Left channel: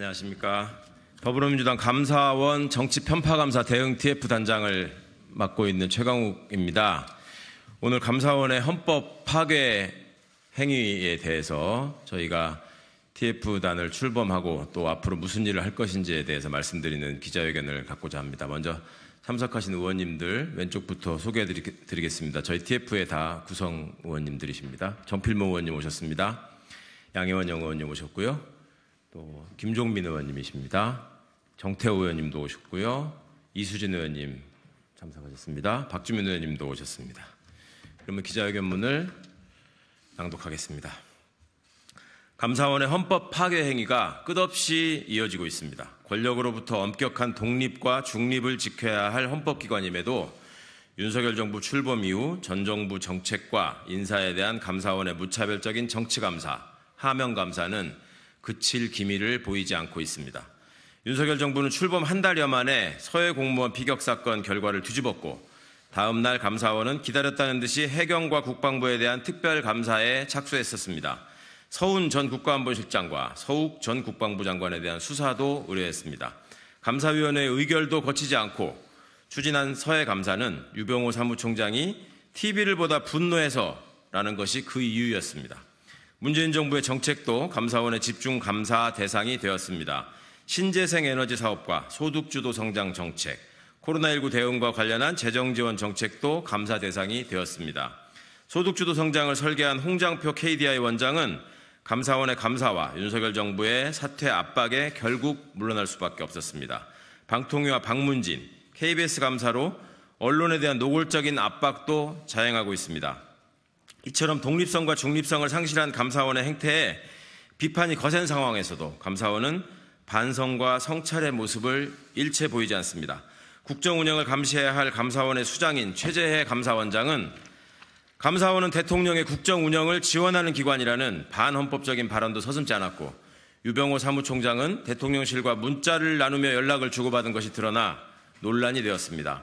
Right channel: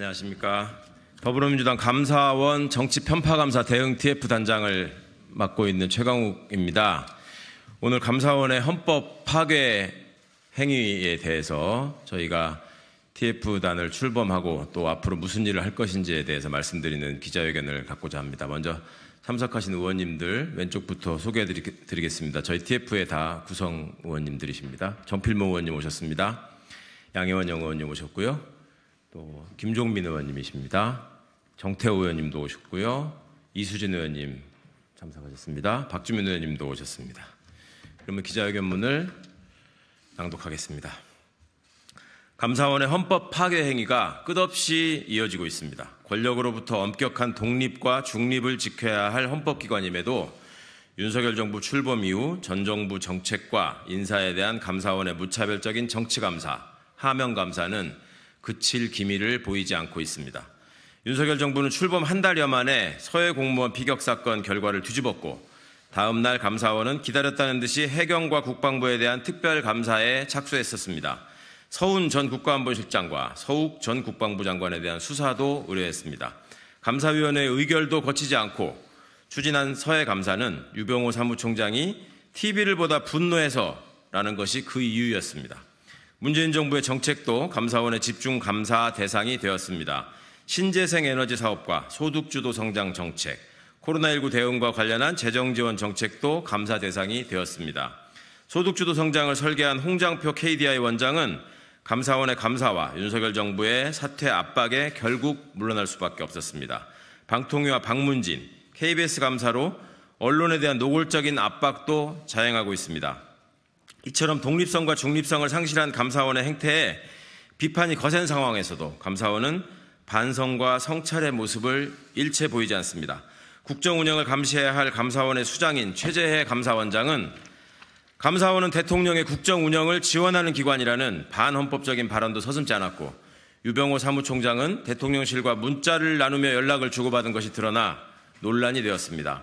안녕하십니까. 더불어민주당 감사원 정치편파감사 대응 TF 단장을 맡고 있는 최강욱입니다. 오늘 감사원의 헌법 파괴 행위에 대해서 저희가 TF단을 출범하고 또 앞으로 무슨 일을 할 것인지에 대해서 말씀드리는 기자회견을 갖고자 합니다. 먼저 참석하신 의원님들 왼쪽부터 소개해드리겠습니다. 저희 TF의 다 구성 의원님들이십니다. 정필모 의원님 오셨습니다. 양혜원 의원님 오셨고요. 또 김종민 의원님이십니다. 정태호 의원님도 오셨고요. 이수진 의원님 참석하셨습니다. 박주민 의원님도 오셨습니다. 그러면 기자회견문을 낭독하겠습니다. 감사원의 헌법 파괴 행위가 끝없이 이어지고 있습니다. 권력으로부터 엄격한 독립과 중립을 지켜야 할 헌법기관임에도 윤석열 정부 출범 이후 전 정부 정책과 인사에 대한 감사원의 무차별적인 정치감사, 하명감사는 그칠 기미를 보이지 않고 있습니다. 윤석열 정부는 출범 한 달여 만에 서해 공무원 피격 사건 결과를 뒤집었고 다음 날 감사원은 기다렸다는 듯이 해경과 국방부에 대한 특별감사에 착수했었습니다. 서훈 전 국가안보실장과 서욱 전 국방부 장관에 대한 수사도 의뢰했습니다. 감사위원회의 의결도 거치지 않고 추진한 서해 감사는 유병호 사무총장이 TV를 보다 분노해서라는 것이 그 이유였습니다. 문재인 정부의 정책도 감사원의 집중 감사 대상이 되었습니다. 신재생 에너지 사업과 소득주도 성장 정책, 코로나19 대응과 관련한 재정 지원 정책도 감사 대상이 되었습니다. 소득주도 성장을 설계한 홍장표 KDI 원장은 감사원의 감사와 윤석열 정부의 사퇴 압박에 결국 물러날 수밖에 없었습니다. 방통위와 박문진, KBS 감사로 언론에 대한 노골적인 압박도 자행하고 있습니다. 이처럼 독립성과 중립성을 상실한 감사원의 행태에 비판이 거센 상황에서도 감사원은 반성과 성찰의 모습을 일체 보이지 않습니다. 국정 운영을 감시해야 할 감사원의 수장인 최재해 감사원장은 감사원은 대통령의 국정 운영을 지원하는 기관이라는 반헌법적인 발언도 서슴지 않았고 유병호 사무총장은 대통령실과 문자를 나누며 연락을 주고받은 것이 드러나 논란이 되었습니다.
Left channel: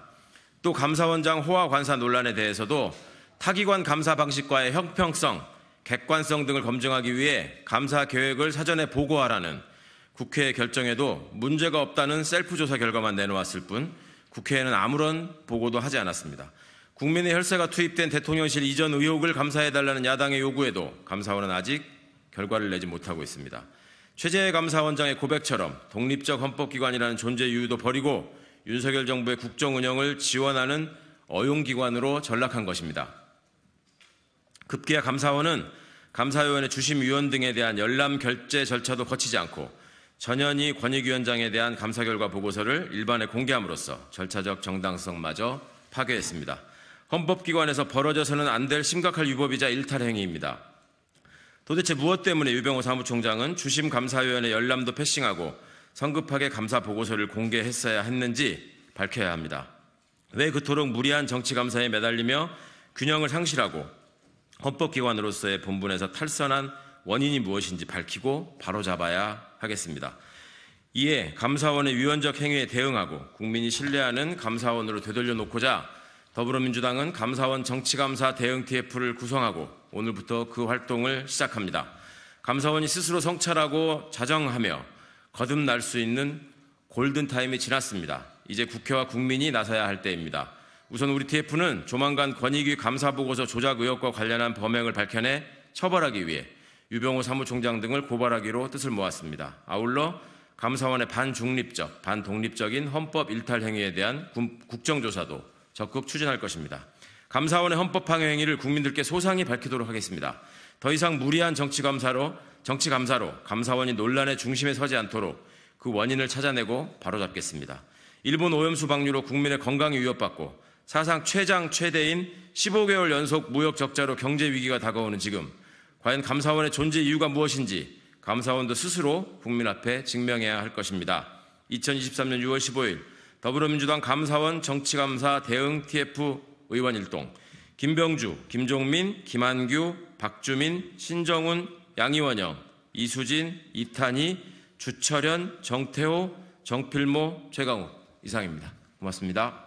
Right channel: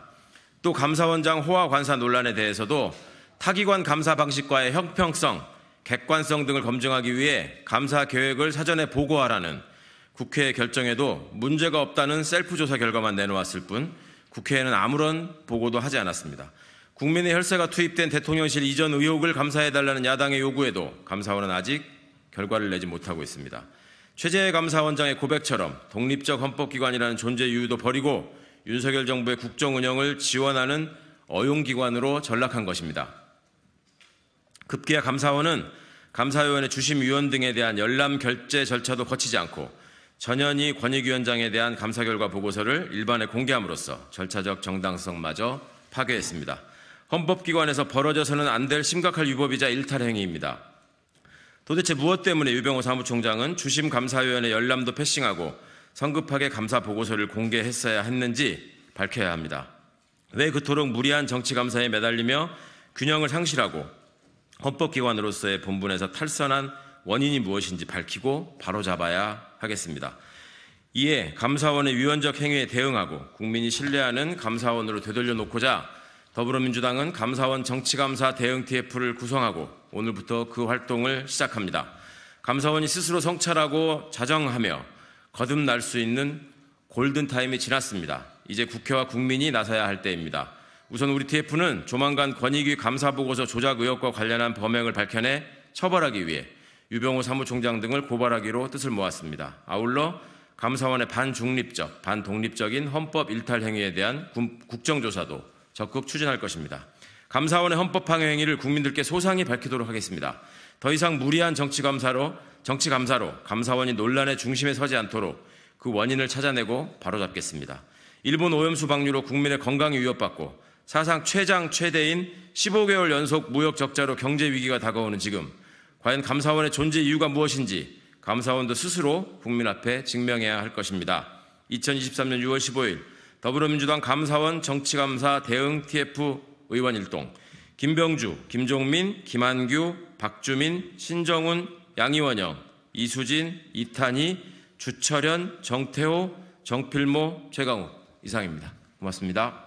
또 감사원장 호화 관사 논란에 대해서도 타기관 감사 방식과의 형평성, 객관성 등을 검증하기 위해 감사 계획을 사전에 보고하라는 국회의 결정에도 문제가 없다는 셀프 조사 결과만 내놓았을 뿐 국회에는 아무런 보고도 하지 않았습니다. 국민의 혈세가 투입된 대통령실 이전 의혹을 감사해달라는 야당의 요구에도 감사원은 아직 결과를 내지 못하고 있습니다. 최재해 감사원장의 고백처럼 독립적 헌법기관이라는 존재 유유도 버리고 윤석열 정부의 국정 운영을 지원하는 어용기관으로 전락한 것입니다. 급기야 감사원은 감사위원회 주심위원 등에 대한 열람 결재 절차도 거치지 않고 전현희 권익위원장에 대한 감사 결과 보고서를 일반에 공개함으로써 절차적 정당성마저 파괴했습니다. 헌법기관에서 벌어져서는 안 될 심각한 위법이자 일탈 행위입니다. 도대체 무엇 때문에 유병호 사무총장은 주심감사위원회 열람도 패싱하고 성급하게 감사 보고서를 공개했어야 했는지 밝혀야 합니다. 왜 그토록 무리한 정치감사에 매달리며 균형을 상실하고 헌법기관으로서의 본분에서 탈선한 원인이 무엇인지 밝히고 바로잡아야 하겠습니다. 이에 감사원의 위헌적 행위에 대응하고 국민이 신뢰하는 감사원으로 되돌려놓고자 더불어민주당은 감사원 정치감사 대응 TF를 구성하고 오늘부터 그 활동을 시작합니다. 감사원이 스스로 성찰하고 자정하며 거듭날 수 있는 골든타임이 지났습니다. 이제 국회와 국민이 나서야 할 때입니다. 우선 우리 TF는 조만간 권익위 감사보고서 조작 의혹과 관련한 범행을 밝혀내 처벌하기 위해 유병호 사무총장 등을 고발하기로 뜻을 모았습니다. 아울러 감사원의 반중립적, 반독립적인 헌법 일탈 행위에 대한 국정조사도 적극 추진할 것입니다. 감사원의 헌법파괴 행위를 국민들께 소상히 밝히도록 하겠습니다. 더 이상 무리한 정치감사로 감사원이 논란의 중심에 서지 않도록 그 원인을 찾아내고 바로잡겠습니다. 일본 오염수 방류로 국민의 건강이 위협받고 사상 최대인 15개월 연속 무역 적자로 경제 위기가 다가오는 지금 과연 감사원의 존재 이유가 무엇인지 감사원도 스스로 국민 앞에 증명해야 할 것입니다. 2023년 6월 15일 더불어민주당 감사원 정치감사 대응 TF 의원 일동 김병주, 김종민, 김한규, 박주민, 신정훈, 양이원영, 이수진, 이탄희, 주철현, 정태호, 정필모, 최강욱 이상입니다. 고맙습니다.